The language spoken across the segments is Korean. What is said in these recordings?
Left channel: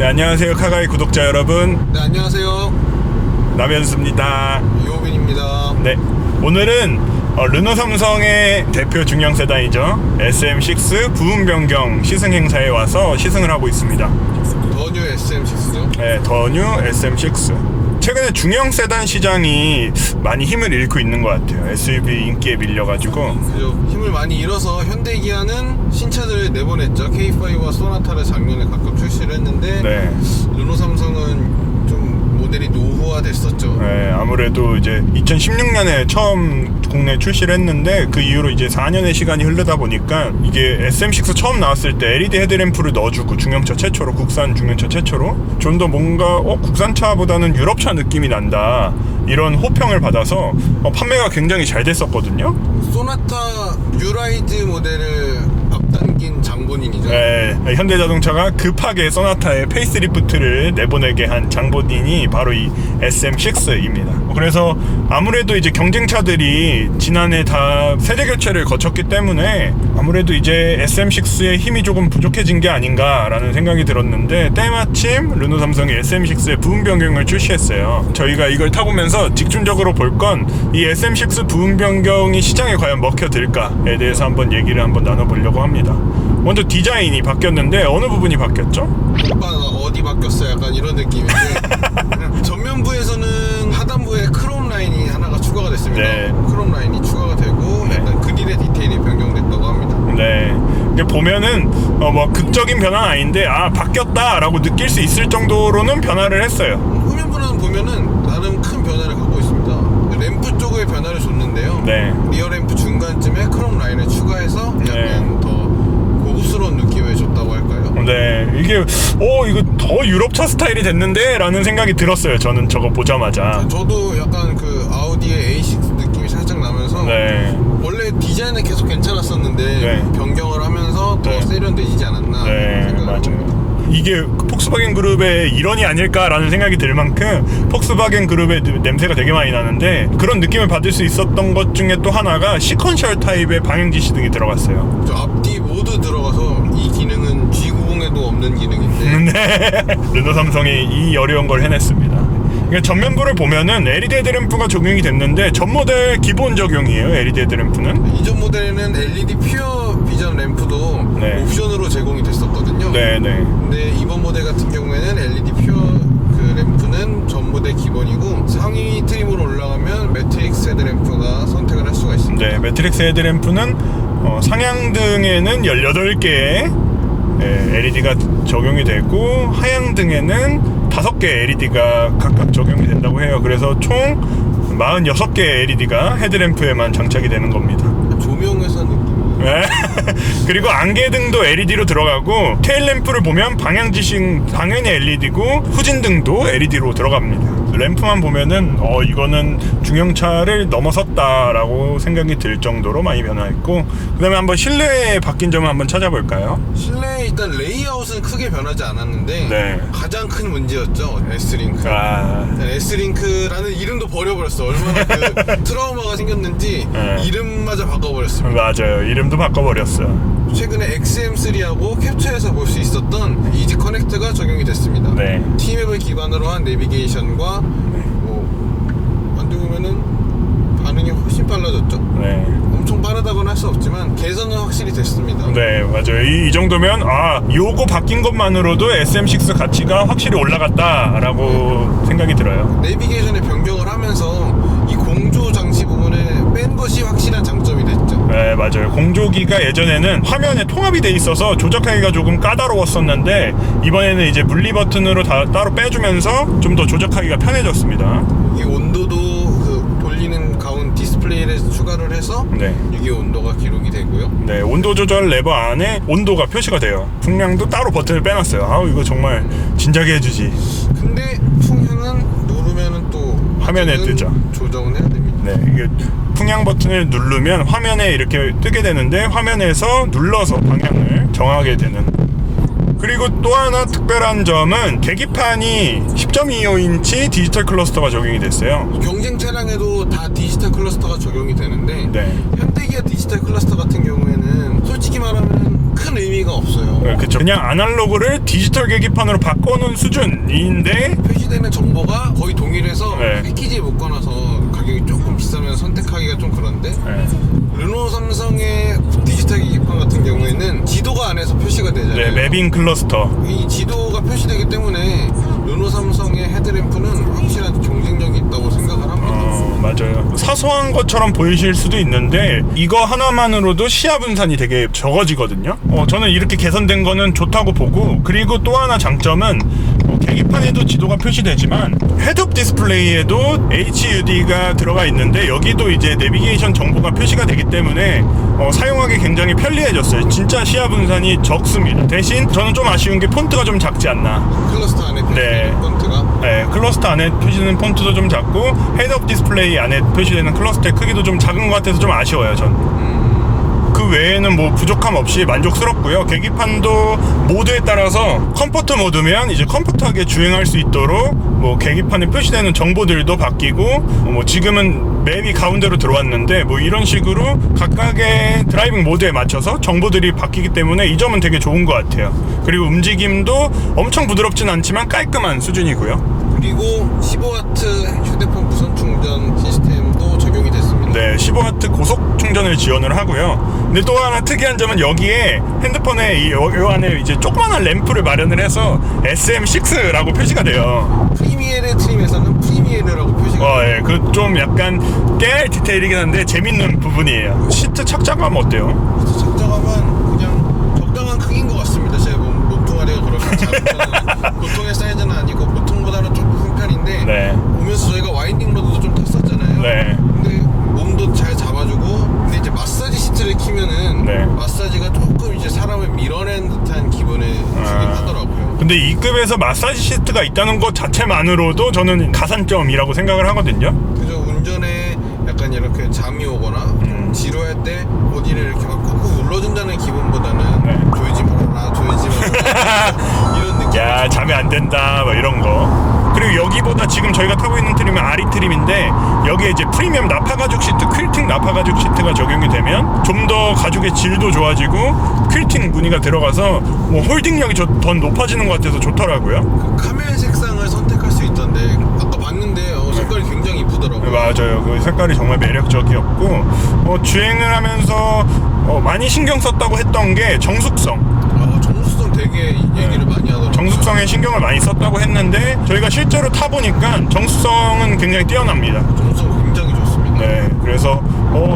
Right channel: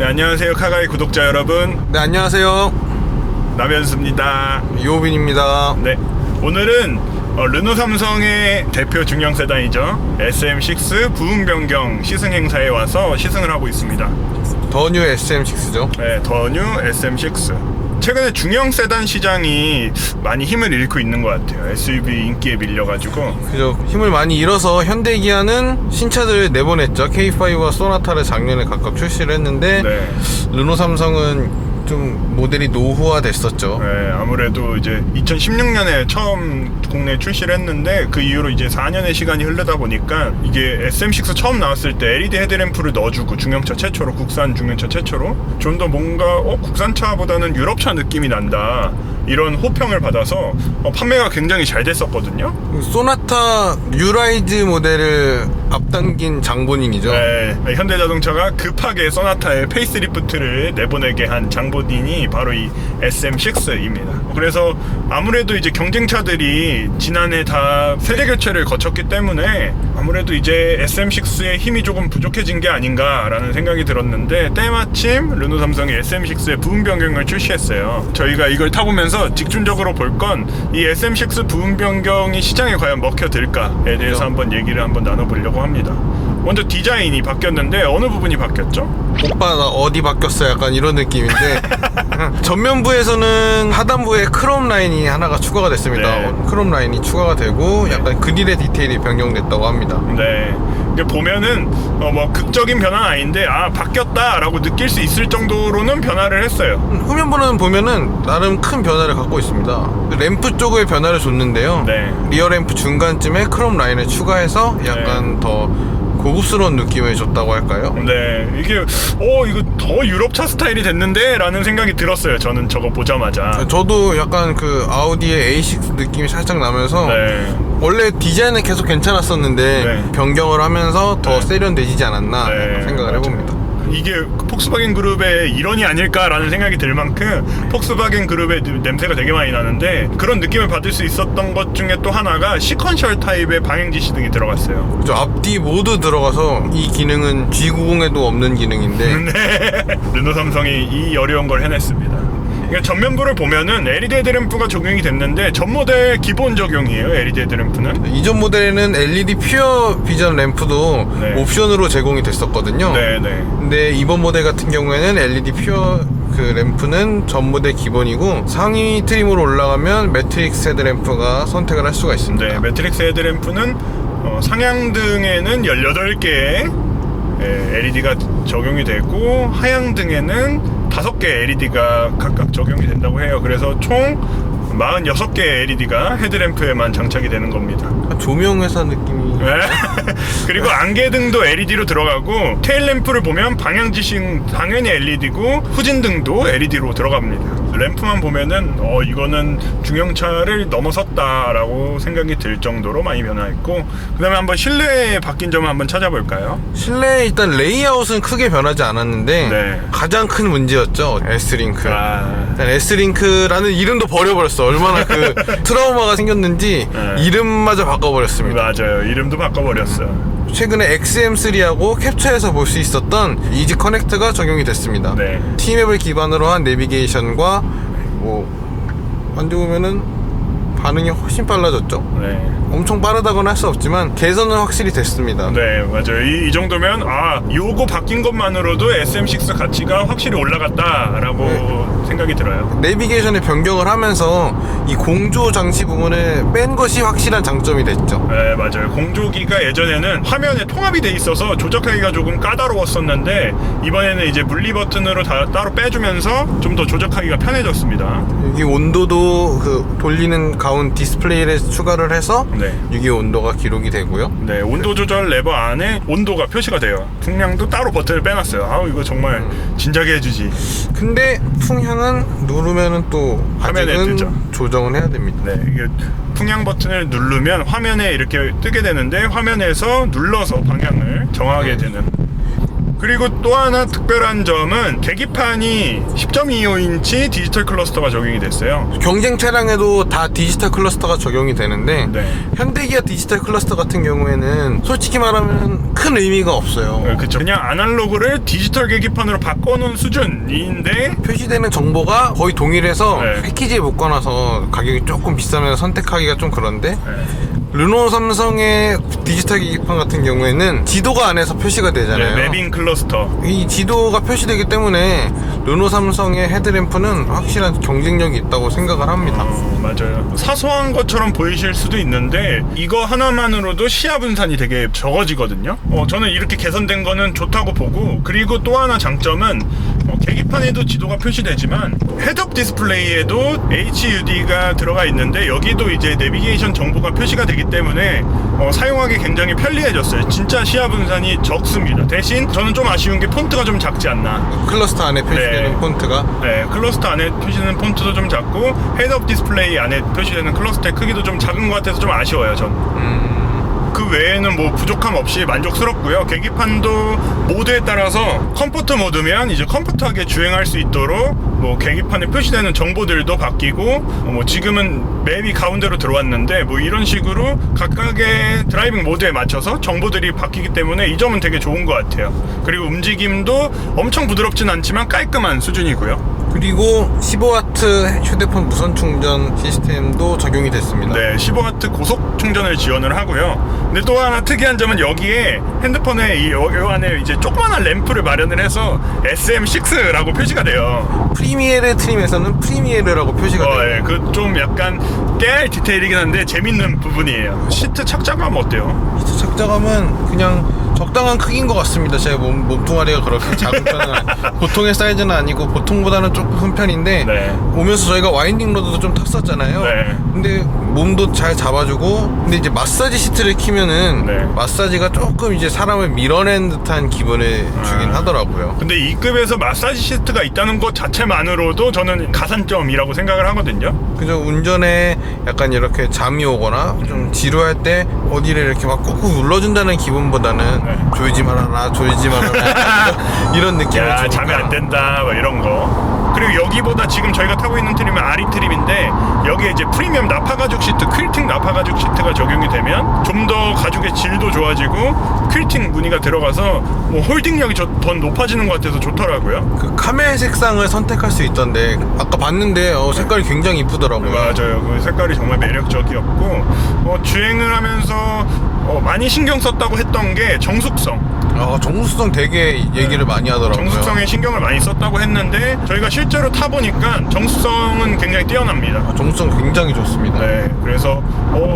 네, 안녕하세요 카가이 구독자 여러분. 네, 안녕하세요. 남현수입니다. 이호빈입니다. 네, 오늘은 르노 삼성의 대표 중형 세단이죠, SM6 부분 변경 시승 행사에 와서 시승을 하고 있습니다. 더 뉴 SM6죠. 네, 더 뉴 SM6. 최근에 중형 세단 시장이 많이 힘을 잃고 있는 것 같아요. SUV 인기에 밀려가지고. 그죠. 힘을 많이 잃어서 현대기아는 신차들을 내보냈죠. K5와 소나타를 작년에 각각 출시를 했는데 네. 르노 삼성은 좀 모델이 노후화 됐었죠. 네, 아무래도 이제 2016년에 처음 국내에 출시를 했는데 그 이후로 이제 4년의 시간이 흐르다 보니까 이게 SM6 처음 나왔을 때 LED 헤드램프를 넣어주고 중형차 최초로, 국산 중형차 최초로 좀 더 뭔가 국산차보다는 유럽차 느낌이 난다, 이런 호평을 받아서 판매가 굉장히 잘 됐었거든요. 소나타 뉴라이즈 모델을 앞당긴 장본인이죠. 네, 현대자동차가 급하게 소나타의 페이스리프트를 내보내게 한 장본인이 바로 이 SM6입니다. 그래서 아무래도 이제 경쟁차들이 지난해 다 세대 교체를 거쳤기 때문에 아무래도 이제 SM6의 힘이 조금 부족해진 게 아닌가라는 생각이 들었는데, 때마침 르노 삼성이 SM6의 부분 변경을 출시했어요. 저희가 이걸 타보면서 직접적으로 볼 건 이 SM6 부분 변경이 시장에 과연 먹혀들까에 대해서 한번 얘기를 나눠보려고 합니다. 먼저 디자인이 바뀌었는데 어느 부분이 바뀌었죠? 오빠 나 어디 바뀌었어? 약간 이런 느낌인데 전면부에서는 하단부에 크롬 라인이 하나가 추가가 됐습니다. 네. 크롬 라인이 추가가 되고 약간 그릴의 디테일이 변경됐다고 합니다. 네, 이게 보면은 뭐 극적인 변화는 아닌데 바뀌었다라고 느낄 수 있을 정도로는 변화를 했어요. 후면부는 보면은 나름 큰 변화를 갖고 있습니다. 램프 쪽에 변화를 줬는데요. 네. 리어 램프 중간쯤에 크롬 라인을 추가해서 약간 더 고급스러운 느낌을 줬다고 할까요? 네, 이게 이거 더 유럽차 스타일이 됐는데 라는 생각이 들었어요. 저는 저거 보자마자. 저도 약간 그 아우디의 A6 느낌이 살짝 나면서 네. 원래 디자인은 계속 괜찮았었는데 네. 변경을 하면서 더 네. 세련되지지 않았나 네, 생각을 맞아요. 해봅니다. 이게 폭스바겐 그룹의 일원이 아닐까라는 생각이 들 만큼 폭스바겐 그룹의 냄새가 되게 많이 나는데, 그런 느낌을 받을 수 있었던 것 중에 또 하나가 시퀀셜 타입의 방향 지시등이 들어갔어요. 저 앞뒤 모두 들어가서 이 기능은 G90에도 없는 기능인데 네. 르노 삼성이 이 어려운 걸 해냈습니다. 그러니까 전면부를 보면은 LED 헤드램프가 적용이 됐는데 전 모델 기본 적용이에요. LED 헤드램프는. 이전 모델에는 LED 퓨어 비전 램프도 네. 옵션으로 제공이 됐었거든요. 네네. 근데 이번 모델 같은 경우에는 LED 퓨어 그 램프는 전 모델 기본이고, 상위 트림으로 올라가면 매트릭스 헤드램프가 선택을 할 수가 있습니다. 네, 매트릭스 헤드램프는 상향등에는 18개의 LED가 적용이 되고 하향등에는 5개 LED가 각각 적용이 된다고 해요. 그래서 총 46개 LED가 헤드램프에만 장착이 되는 겁니다. 조명회사 느낌이. 네. 그리고 안개등도 LED로 들어가고, 테일램프를 보면 방향지시 당연히 LED고 후진등도 LED로 들어갑니다. 램프만 보면은 이거는 중형차를 넘어섰다라고 생각이 들 정도로 많이 변화했고, 그 다음에 한번 실내에 바뀐 점을 한번 찾아볼까요? 실내 일단 레이아웃은 크게 변하지 않았는데 네. 가장 큰 문제였죠. S링크. 아, S링크라는 이름도 버려버렸어. 얼마나 그 트라우마가 생겼는지 네. 이름마저 바꿔버렸습니다. 맞아요. 이름도 바꿔버렸어요. 최근에 XM3하고 캡처에서 볼 수 있었던 이지 커넥트가 적용이 됐습니다. 네. T맵을 기반으로 한 내비게이션과 만져보면은 반응이 훨씬 빨라졌죠. 네. 엄청 빠르다고는 할 수 없지만 개선은 확실히 됐습니다. 네, 맞아요. 이 정도면 요거 바뀐 것만으로도 SM6 가치가 확실히 올라갔다라고 생각이 들어요. 내비게이션의 변경을 하면서 이 공조 장치 부분을 뺀 것이 확실한 장점이 됐죠. 네, 맞아요. 공조기가 예전에는 화면에 통합이 돼 있어서 조작하기가 조금 까다로웠었는데, 이번에는 이제 분리 버튼으로 따로 빼주면서 좀 더 조작하기가 편해졌습니다. 이 온도도 그 돌리는 가운 디스플레이를 추가를 해서 네. 유기 온도가 기록이 되고요. 네, 온도 조절 레버 안에 온도가 표시가 돼요. 풍량도 따로 버튼을 빼놨어요. 이거 정말 진작에 해주지. 근데 풍향은 누르면은 또 화면에 아직은 뜨죠. 조정은 해야 됩니다. 네, 이게 풍량 버튼을 누르면 화면에 이렇게 뜨게 되는데, 화면에서 눌러서 방향을 정하게 되는. 그리고 또 하나 특별한 점은 계기판이 10.25인치 디지털 클러스터가 적용이 됐어요. 경쟁 차량에도 다 디지털 클러스터가 적용이 되는데 네. 현대기아 디지털 클러스터 같은 경우에는 솔직히 말하면 큰 의미가 없어요. 그렇죠. 그냥 아날로그를 디지털 계기판으로 바꿔놓은 수준인데 표시되는 정보가 거의 동일해서 네. 패키지에 묶어놔서 가격이 조금 비싸면 선택하기가 좀 그런데 네. 르노 삼성의 디지털 계기판 같은 경우에는 지도가 안에서 표시가 되잖아요. 네, 맵인 클러스터. 이 지도가 표시되기 때문에 르노 삼성의 헤드램프는 확실한 경쟁력이 있다고 생각을 합니다. 맞아요. 사소한 것처럼 보이실 수도 있는데 이거 하나만으로도 시야 분산이 되게 적어지거든요. 저는 이렇게 개선된 거는 좋다고 보고, 그리고 또 하나 장점은 계기판에도 지도가 표시되지만 헤드업 디스플레이에도 HUD가 들어가 있는데 여기도 이제 내비게이션 정보가 표시가 되기 때문에 사용하기 굉장히 편리해졌어요. 진짜 시야 분산이 적습니다. 대신 저는 좀 아쉬운 게 폰트가 좀 작지 않나. 클러스터 안에 표시되는 네. 폰트가 네, 클러스터 안에 표시되는 폰트도 좀 작고 헤드업 디스플레이 안에 표시되는 클러스터의 크기도 좀 작은 것 같아서 좀 아쉬워요, 전. 그 외에는 뭐 부족함 없이 만족스럽고요. 계기판도 모드에 따라서 컴포트 모드면 이제 컴포트하게 주행할 수 있도록 뭐 계기판에 표시되는 정보들도 바뀌고, 뭐 지금은 맵이 가운데로 들어왔는데 뭐 이런 식으로 각각의 드라이빙 모드에 맞춰서 정보들이 바뀌기 때문에 이 점은 되게 좋은 것 같아요. 그리고 움직임도 엄청 부드럽진 않지만 깔끔한 수준이고요. 그리고 15W 휴대폰 무선 충전 시스템도 적용이 됐습니다. 네, 15W 고속 충전을 지원을 하고요. 근데 또 하나 특이한 점은 여기에 핸드폰에 요 안에 이제 조그만한 램프를 마련을 해서 SM6라고 표시가 돼요. 프리미에르 트림에서는 프리미에르라고 표시가 돼요. 예, 그 좀 약간 깨알 디테일이긴 한데 재밌는 부분이에요. 시트 착장감 어때요? 시트 착장감은 그냥 적당한 크기인 것 같습니다. 제 몸뚱아리가 그렇게 작은 편은 보통의 사이즈는 아니고 보통보다는 조금 큰 편인데 네. 오면서 저희가 와인딩 로드도 좀 탔었잖아요. 네. 근데 몸도 잘 잡아주고, 근데 이제 마사지 시트를 키면은 네. 마사지가 조금 이제 사람을 밀어낸 듯한 기분을 주긴 하더라고요. 근데 이 급에서 마사지 시트가 있다는 것 자체만으로도 저는 가산점이라고 생각을 하거든요. 그죠. 운전에 약간 이렇게 잠이 오거나 좀 지루할 때 어디를 이렇게 막 꾹꾹 눌러준다는 기분보다는 네. 조이지 말아라 조이지 말아라 이런 느낌이 야, 좀 잠이 안 된다 뭐 이런 거. 그리고 여기보다 지금 저희가 타고 있는 트림은 아리 트림인데 여기에 이제 프리미엄 나파 가죽 시트, 퀼팅 나파 가죽 시트가 적용이 되면 좀 더 가죽의 질도 좋아지고 퀼팅 무늬가 들어가서 뭐 홀딩력이 더 높아지는 것 같아서 좋더라고요. 그 카멜 색상을 선택할 수 있던데 아까 봤는데 색깔이 굉장히 이쁘더라고요. 맞아요. 그 색깔이 정말 매력적이었고, 주행을 하면서 많이 신경 썼다고 했던 게 정숙성. 정숙성 되게 얘기를 많이 하더라고요. 정숙성에 신경을 많이 썼다고 했는데 저희가 실제로 타보니까 정숙성은 굉장히 뛰어납니다. 정숙성 굉장히 좋습니다. 네, 그래서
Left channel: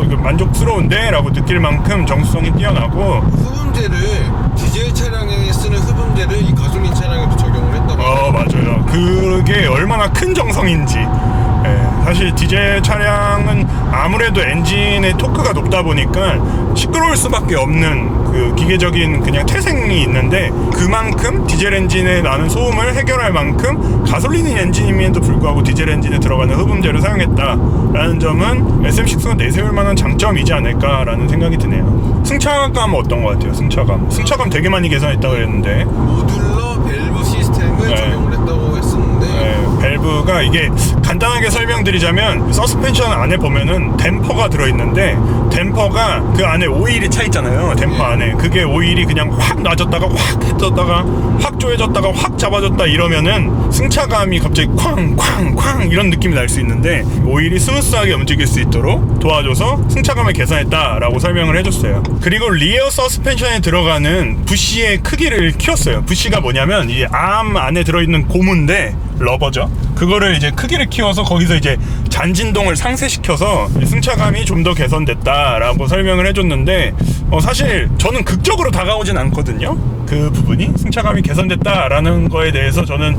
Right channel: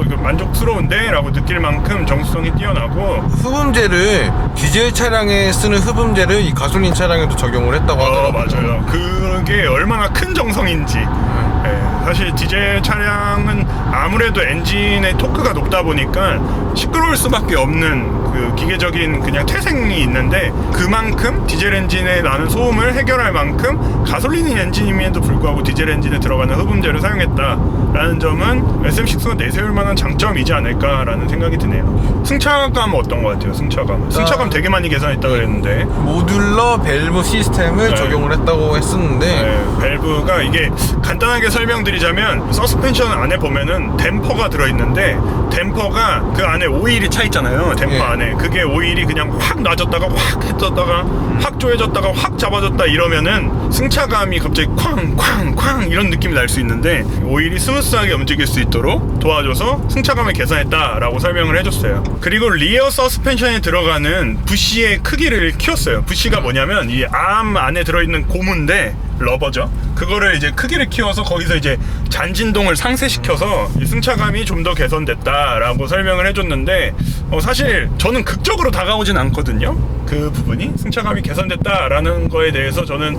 이거 만족스러운데? 라고 느낄 만큼 정숙성이 뛰어나고, 흡음재를 디젤 차량에 쓰는 흡음재를 이 가솔린 차량에도 적용을 했다고 하더라고요. 맞아요. 그게 얼마나 큰 정성인지. 네, 사실 디젤 차량은 아무래도 엔진의 토크가 높다 보니까 시끄러울 수밖에 없는 그 기계적인 그냥 태생이 있는데, 그만큼 디젤 엔진에 나는 소음을 해결할 만큼 가솔린 엔진임에도 불구하고 디젤 엔진에 들어가는 흡음재를 사용했다라는 점은 SM6가 내세울 만한 장점이지 않을까라는 생각이 드네요. 승차감 어떤 것 같아요? 승차감 되게 많이 개선했다고 그랬는데 모듈러 밸브 시스템을 네. 적용을 했다고 했었는데 네, 밸브가 이게 간단하게 설명드리자면 서스펜션 안에 보면은 댐퍼가 들어있는데 댐퍼가 그 안에 오일이 차 있잖아요. 댐퍼 예. 안에 그게 오일이 그냥 확 낮았다가 확 했었다가 확 조여졌다가 확 잡아졌다 이러면은 승차감이 갑자기 쾅쾅쾅 이런 느낌이 날 수 있는데 오일이 스무스하게 움직일 수 있도록 도와줘서 승차감을 개선했다라고 설명을 해줬어요. 그리고 리어 서스펜션에 들어가는 부시의 크기를 키웠어요. 부시가 뭐냐면 이 암 안에 들어있는 고무인데 러버죠. 그거를 이제 크기를 키워서 거기서 이제 잔진동을 상쇄시켜서 승차감이 좀 더 개선됐다라고 설명을 해줬는데, 사실 저는 극적으로 다가오진 않거든요. 그 부분이 승차감이 개선됐다라는 거에 대해서 저는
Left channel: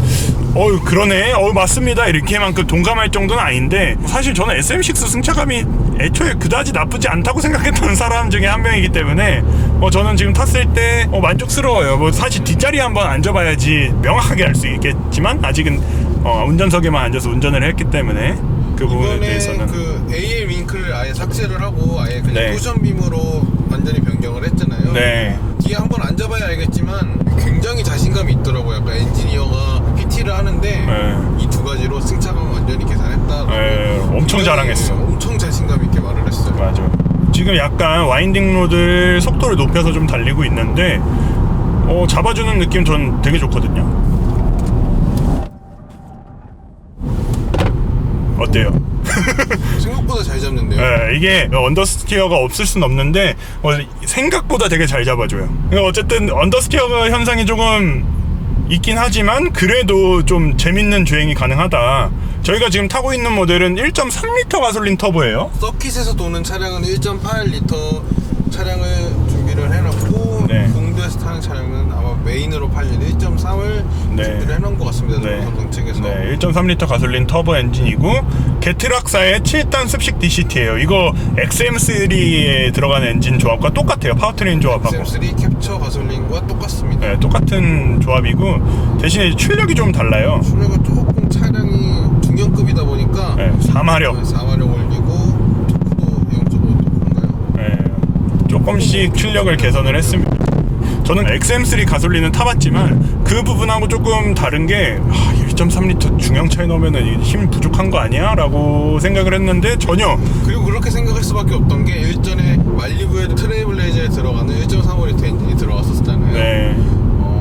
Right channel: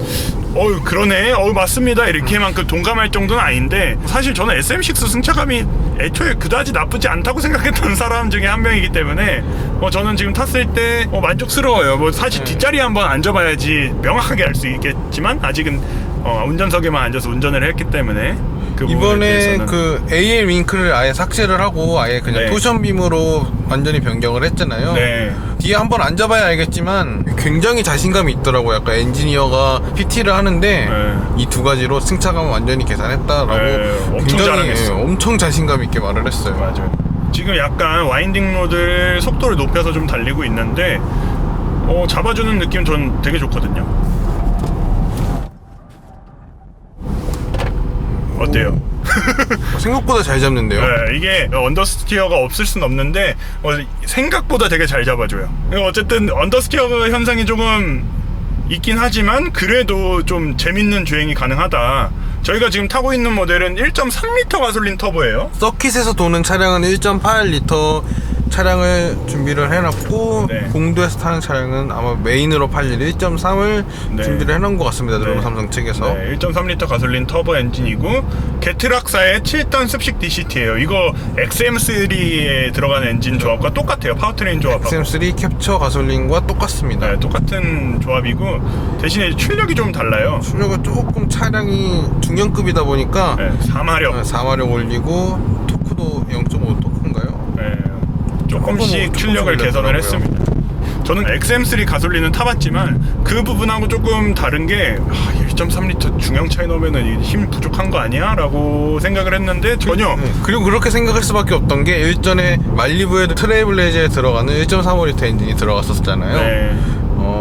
그러네, 맞습니다 이렇게만큼 동감할 정도는 아닌데, 사실 저는 SM6 승차감이 애초에 그다지 나쁘지 않다고 생각했던 사람 중에 한 명이기 때문에 저는 지금 탔을 때 만족스러워요. 뭐 사실 뒷자리에 한번 앉아봐야지 명확하게 알 수 있겠지만 아직은 운전석에만 앉아서 운전을 했기 때문에. 그 부분에 이번에 대해서는. 그 AL 윙크를 아예 삭제를 하고 아예 그냥 네. 쿠션빔으로 완전히 변경을 했잖아요. 네. 뒤에 한번 앉아봐야 알겠지만 굉장히 자신감이 있더라고요. 약간 엔지니어가 PT를 하는데 네. 이 두 가지로 승차감을 완전히 계산했다라고 네, 엄청 굉장히, 자랑했어. 엄청 자신감 있게 말을 했어요. 맞아. 지금 약간 와인딩 로드 속도를 높여서 좀 달리고 있는데 잡아주는 느낌 전 되게 좋거든요. 어때요? 생각보다 잘 잡는데요. 네, 이게 언더스티어가 없을 순 없는데 생각보다 되게 잘 잡아줘요. 어쨌든 언더스티어 현상이 조금 있긴 하지만 그래도 좀 재밌는 주행이 가능하다. 저희가 지금 타고 있는 모델은 1.3L 가솔린 터보예요. 서킷에서 도는 차량은 1.8L 차량을 준비를 해놨고 네. 공도에서 타는 차량은 아마 메인으로 팔릴 1.3을 네. 준비를 해놓은 것 같습니다. 르노 삼성 측에서. 네, 1.3L 가솔린 터보 엔진이고 게트락사의 7단 습식 DCT예요. 이거 XM3에 들어가는 엔진 조합과 똑같아요. 파워트레인 조합하고. XM3 캡처 가솔린과 똑같습니다. 네, 똑같은 조합이고 대신에 출력이 좀 달라요. 출력은 조금 차량이 중형급이다 보니까 네, 4마력. 4마력 올리고 토크도 0.5 토크인가요? 네, 조금씩 출력을 개선을 했습니다. 저는 XM3 가솔린은 타봤지만 그 부분하고 조금 다른 게 1.3L 중형차에 넣으면 힘 부족한 거 아니야? 라고 생각을 했는데 전혀. 그리고 그렇게 생각할 수밖에 없던 게 일전에 말리부에 트레이블레이저에 들어가는 1.35L 엔진이 들어갔었잖아요. 네,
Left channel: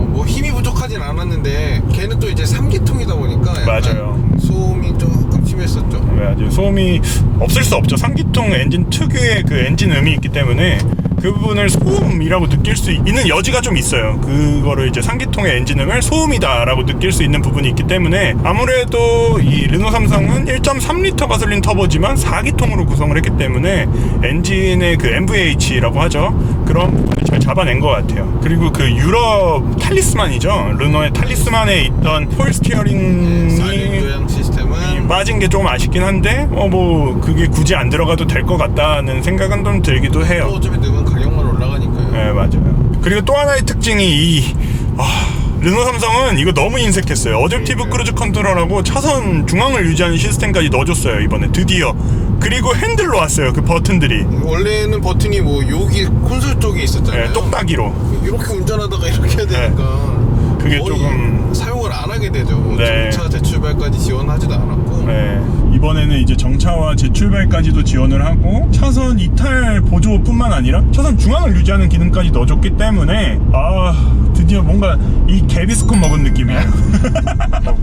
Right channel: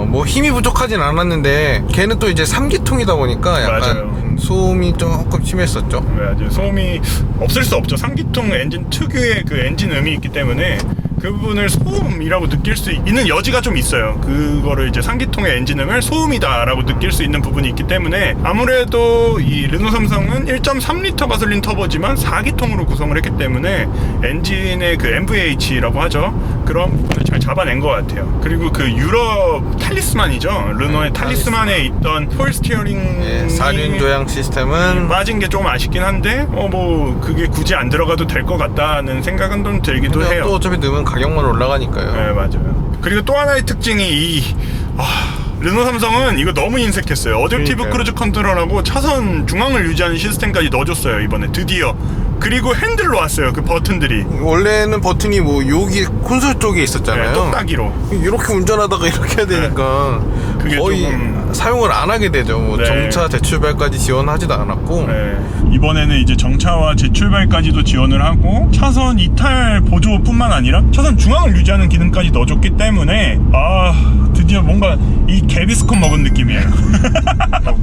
뭐 힘이 부족하진 않았는데 걔는 또 이제 3기통이다 보니까 약간 맞아요. 소음이 조금 심했었죠. 네, 아주 소음이 없을 수 없죠. 3기통 엔진 특유의 그 엔진 음이 있기 때문에 그 부분을 소음이라고 느낄 수 있는 여지가 좀 있어요. 그거를 이제 3기통의 엔진음을 소음이다라고 느낄 수 있는 부분이 있기 때문에 아무래도 이 르노 삼성은 1.3L 가솔린 터보지만 4기통으로 구성을 했기 때문에 엔진의 그 MVH라고 하죠. 그런 부분을 잘 잡아낸 것 같아요. 그리고 그 유럽 탈리스만이죠. 르노의 탈리스만에 있던 폴 스티어링이 4륜 조향 시스템은 빠진 게 조금 아쉽긴 한데 뭐 그게 굳이 안 들어가도 될 것 같다는 생각은 좀 들기도 또 해요. 어차피 넣으면 가격만 올라가니까요. 네, 맞아요. 그리고 또 하나의 특징이 르노 삼성은 이거 너무 인색했어요. 어댑티브 그러니까요. 크루즈 컨트롤하고 차선 중앙을 유지하는 시스템까지 넣어줬어요. 이번에 드디어. 그리고 핸들로 왔어요. 그 버튼들이. 원래는 버튼이 뭐 여기 콘솔 쪽에 있었잖아요. 네, 똑딱이로. 이렇게 운전하다가 이렇게 해야 되니까 그게 거의 조금 사용을 안 하게 되죠. 뭐 네. 정차 대출발까지 지원하지도 않았고 네. 이번에는 이제 정차와 재출발까지도 지원을 하고 차선 이탈 보조뿐만 아니라 차선 중앙을 유지하는 기능까지 넣어줬기 때문에 드디어 뭔가 이 개비스콘 먹은 느낌이에요.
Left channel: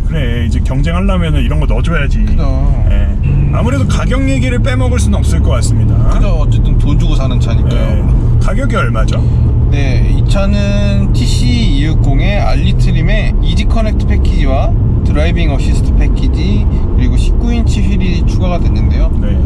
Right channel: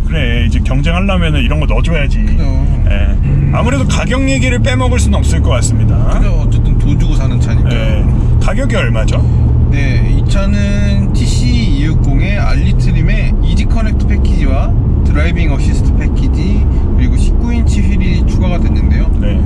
그래 이제 경쟁하려면 이런 거 넣어줘야지. 네. 아무래도 가격 얘기를 빼먹을 수는 없을 것 같습니다. 어쨌든 돈 주고 사는 차니까. 네. 가격이 얼마죠? 네, 이 차는 TC260의 알리트림의 이지 커넥트 패키지와 드라이빙 어시스트 패키지 그리고 19인치 휠이 추가가 됐는데요. 네.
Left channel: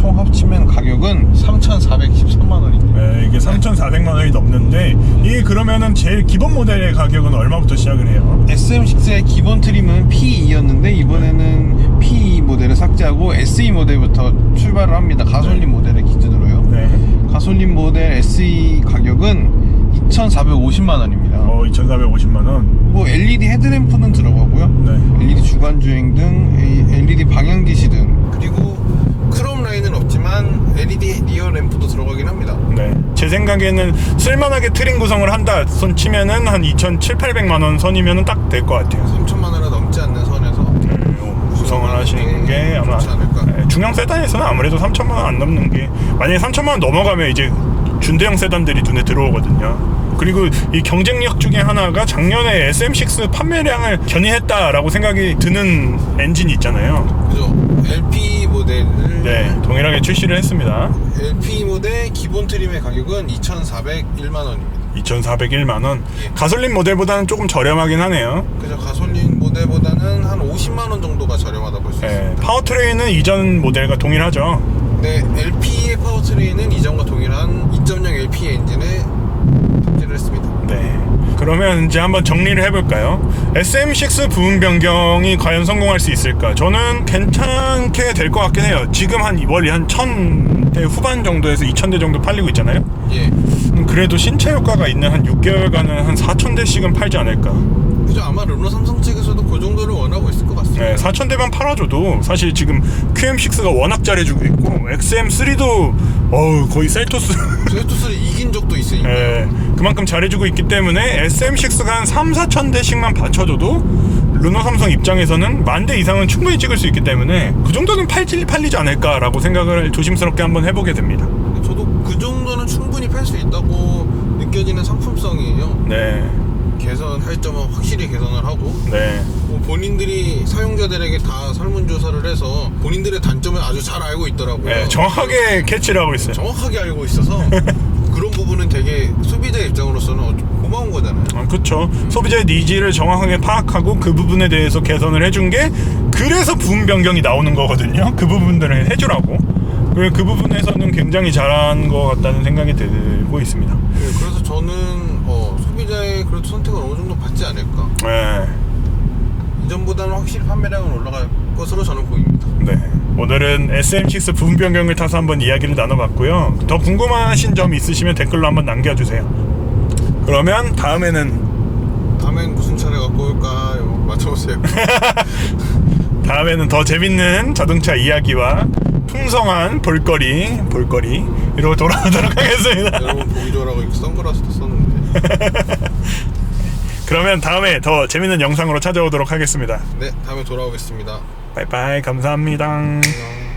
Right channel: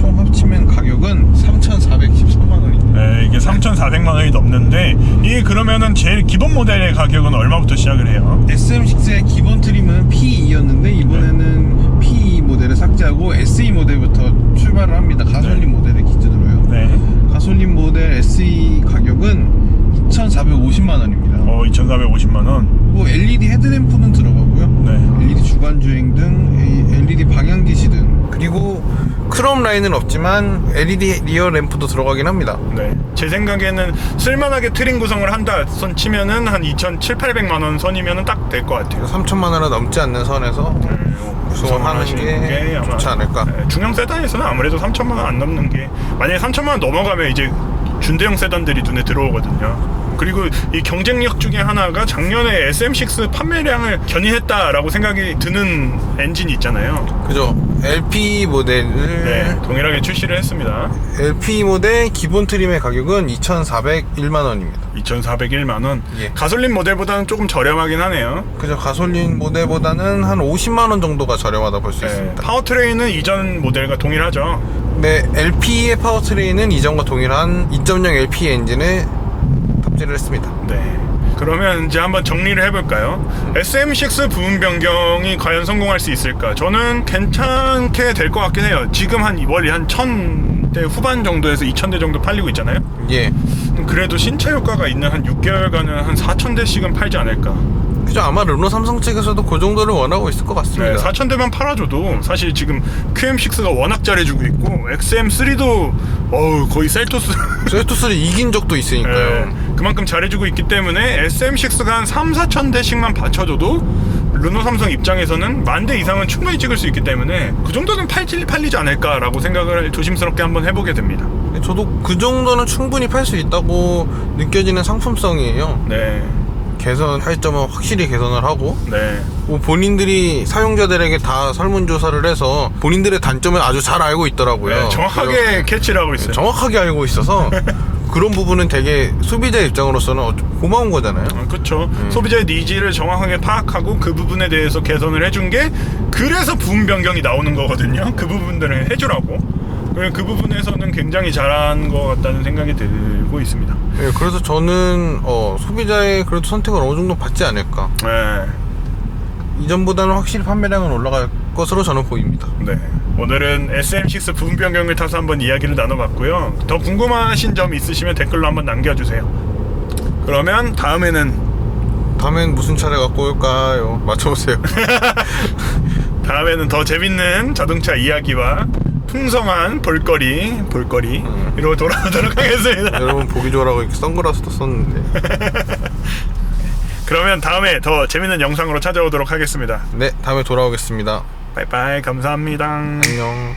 총 합치면 가격은 3,413만 원입니다. 네, 이게 3,400만 원이 넘는데 이게 그러면은 제일 기본 모델의 가격은 얼마부터 시작을 해요? SM6의 기본 트림은 P2였는데 이번에는 P2 모델을 삭제하고 SE 모델부터 출발을 합니다. 가솔린 모델을 기준으로요. 네. 가솔린 모델 SE 가격은 2,450만 원입니다. 2,450만 원. 뭐 LED 헤드램프는 들어가고요. 네. LED 주간 주행 등 LED 방향 지시 등 그리고 크롬 라인은 없지만 LED 리어 램프도 들어가긴 합니다. 네. 제 생각에는 쓸만하게 트림 구성을 한다 손 치면은 한 2,700~800만 원 선이면은 딱 될 것 같아요. 3천만 원이 넘지 않는 선에서 구성을 하시는 게 아마 좋지 않을까. 중형 세단에서는 아무래도 3천만 원 안 넘는 게 만약에 3천만 원 넘어가면 이제 준대형 세단들이 눈에 들어오거든요. 그리고 이 경쟁력 중에 하나가 작년에 SM6 판매량을 견인했다라고 생각이 드는 엔진이 있잖아요. 그죠. LP 모델을 네, 동일하게 출시를 했습니다. LP 모델 기본 트림의 가격은 2,401만 원입니다. 2,401만 원. 예. 가솔린 모델보다는 조금 저렴하긴 하네요. 그죠. 가솔린 모델보다는 한 50만 원 정도가 저렴하다 볼 수 네, 있습니다. 파워트레인은 이전 모델과 동일하죠. 네, LP의 파워트레인은 이전과 동일한 2.0 LP 엔진에 탑재를 했습니다. 네. 그러면 이제 한번 정리를 해볼까요? SM6 부분 변경이 과연 성공할 수 있을까? 저는 괜찮게 될 것 같긴 해요. 지금 원리 한 1,000대 후반 정도에서 2,000대 정도 팔리고 있잖아요. 예. 그래도 신체 효과가 있는 한 6개월간은 한 4,000대씩은 팔지 않을까. 그죠. 아마 르노 삼성 측에서도 그 정도를 원하고 있을 것 같습니다. 네, 4,000대만 팔아줘도 사실 지금 QM6가 워낙 잘해주고 있고 XM3도 거의 셀토스 셀토스를 이긴 적도 있으니까요. 네, 그만큼 잘해주고 있기 때문에 SM6가 한 3,4,000대씩만 받쳐줘도 르노 삼성 입장에서는 10,000대 이상은 충분히 찍을 수 있기 때문에 그 정도는 팔리지 않을까라고 생각을 조심스럽게 한번 해보게 됩니다. 저도 그 정도는 충분히 팔 수 있다고 느껴지는 상품성이에요. 네, 개선할 점은 확실히 개선을 하고 네, 본인들이 사용자들에게 다 설문조사를 해서 본인들의 단점을 아주 잘 알고 있더라고요. 네, 정확하게 캐치를 하고 있어요. 정확하게 알고 있어서 그런 부분은 되게 소비자 입장으로서는 고마운 거잖아요. 그렇죠. 소비자의 니즈를 정확하게 파악하고 그 부분에 대해서 개선을 해준 게 그래서 부분 변경이 나오는 거거든요. 그 부분들을 해주라고. 그 부분에서는 굉장히 잘한 것 같다는 생각이 들고 있습니다. 네, 그래서 저는 소비자의 그래도 선택을 어느 정도 받지 않을까. 네. 이전보다는 확실히 판매량은 올라갈 것으로 저는 보입니다. 네. 오늘은 SM6 부분 변경을 타서 한번 이야기를 나눠봤고요. 더 궁금하신 점 있으시면 댓글로 한번 남겨주세요. 그러면 다음엔 무슨 차를 갖고 올까요? 맞춰보세요. 다음에는 더 재밌는 자동차 이야기와 풍성한 볼거리 이러고 돌아오도록 하겠습니다. 여러분 보기 좋으라고 이렇게 선글라스도 썼는데. 그러면 다음에 더 재밌는 영상으로 찾아오도록 하겠습니다. 네, 다음에 돌아오겠습니다. 빠이빠이, 감사합니다. 안녕.